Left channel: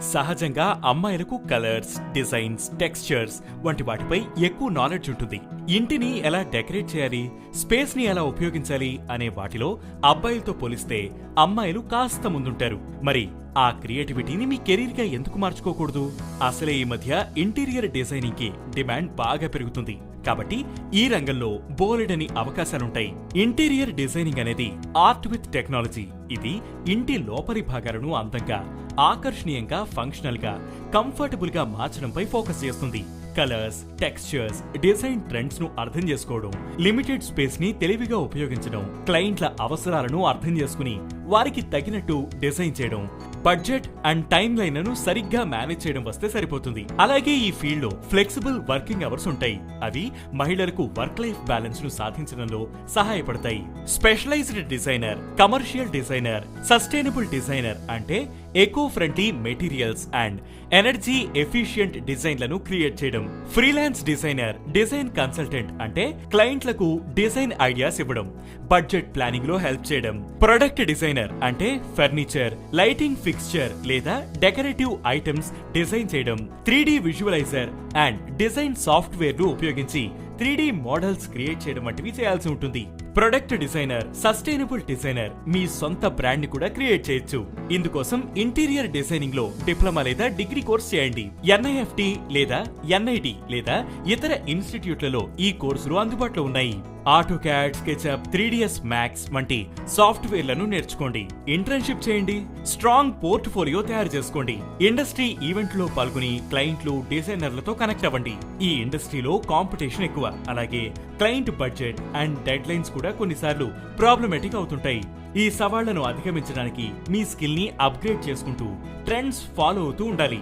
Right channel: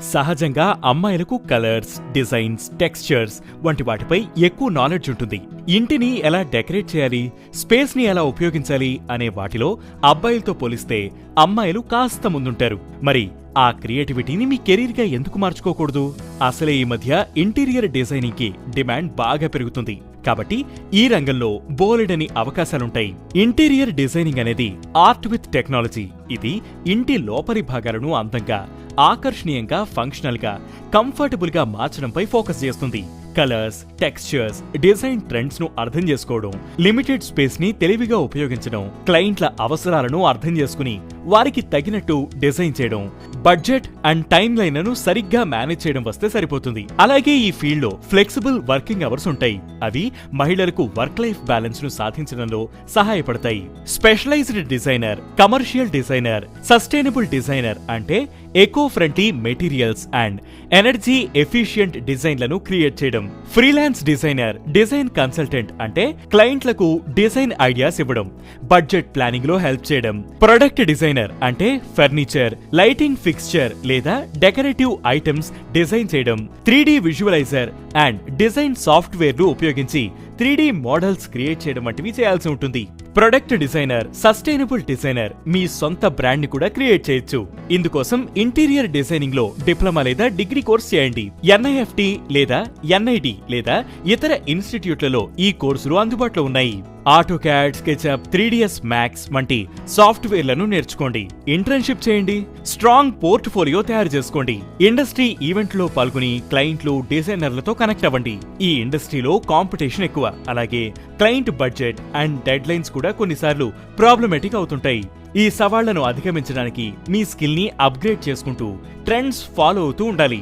సహజంగా అమ్మాయిలకు colours designs textures వంటి వాటిపై ఎక్కువ నాలెడ్జ్ ఉంటుంది. ఇంటిని ఎలా డెకరేట్ చేయాలి స్పేస్ని ఎలా ఉపయోగించాలి అనే వాటిలో అబ్బాయిలతో పోలిస్తే అమ్మాయిలు కాస్త ముందుంటారు. మరి ఆ క్రియేటివిటీని మీ కెరీర్గా ఎందుకు మార్చుకోకూడదు? అసలే ఈ మధ్య ఇంటీరియర్ డిజైనింగ్కి డిమాండ్ బాగా పెరుగుతుంది. కాబట్టి ఈ రంగంలో బోలెడని అవకాశాలుంటాయి. ఇంటీరియర్ డిజైనింగ్ అనేది ఆర్ట్ విత్ టెక్నాలజీ. ఇది ఇంటి లోపలి భాగాలను అందంగా ఆకర్షణీయంగా ఫంక్షనల్గా కంఫర్టబుల్గా మార్చడంపై ఫోకస్ చేస్తుంది. కలర్స్ టెక్స్చర్స్ డిజైన్ ట్రెండ్స్ను అర్థం చేసుకోవడం లిమిటెడ్ స్పేస్ని తెలివిగా ఉపయోగించడం క్లయింట్ల అవసరాలను అర్థం చేసుకుని వారికి తగినట్టు డిజైన్ చేయడం బడ్జెట్ అండ్ టైం లైన్లను సరిగ్గా మేనేజ్ చేయడం వస్తే సరిపోతుంది. అలాగే ఈ ఫీల్డ్లో ఫ్లెక్సిబుల్ వర్కింగ్ అవర్స్ ఉంటాయి. అవి మహిళలకు వర్క్ లైఫ్ బ్యాలెన్స్ను సాధించడంలో సహాయపడతాయి. Specialised designer commercial designer sustainable designer అంటే eco friendly materials and energy efficient డిజైన్లను క్రియేట్ చేయడం. ఫ్రీలాన్స్ డిజైనర్ డిజైన్ కన్సల్టెంట్ అంటే క్లయింట్లకు డిజైన్ ఐడియాస్ ఇవ్వడం బడ్జెట్ ప్లానింగ్లో హెల్ప్ చేయడం. ప్రొడక్ట్ డిజైన్ డిజైనర్ అంటే ఫర్నిచర్ లైటింగ్ ఫిక్స్చర్ లేదా డెకరేటివ్ ఐటమ్స్ డిజైన్ చేయడం త్రీ విజువలైజర్ అండ్ డిజైన్ సాఫ్ట్వేర్లు ఉపయోగించి త్రీ మోడల్స్ క్రియేట్ చేయడం వంటివి చేయాల్సి ఉంటుంది. ప్రొడక్ట్ డిజైనర్ సస్టైనబుల్ డిజైనర్ మీ సొంత బ్రాండ్ని కూడా క్రియేట్ చేయొచ్చు. ఇందుకోసం ఇంటీరియర్ డిజైనింగ్లో డిప్లొమా లేదా డిగ్రీ కోర్స్ చేయండి. ఎన్ఐఎఫ్టి లేదా ఎన్ఐటి లేదా ఇతర ఇన్స్టిట్యూట్లలో ఈ కోర్సులు అందుబాటులో ఉన్నాయి. AutoCAD SketchUp three D S Max వంటి సాఫ్ట్వేర్లను నేర్చుకోండి. ఇంటర్న్షిప్ చేయండి. స్ట్రాంగ్ పోర్ట్ఫోలియో తయారు చేసుకోండి. ఇండస్ట్రీ ఈవెంట్లో పాల్గొని క్లయింట్లు డిజైనర్లతో కనెక్ట్ అవ్వండి. ఈ ఇండస్ట్రీలో కాంపిటీషన్ ఎక్కువ. అలాగే client budget and deadlines కూడా కొన్నిసార్లు ప్రాబ్లమేటిక్ అవుతుంటాయి. ఈ సవాళ్ళను అధిగమించడానికి మీ స్కిల్ని అప్గ్రేడ్ చేసుకుంటూ ట్రెండ్స్ ఫాలో అవుతూ ఉండాలి.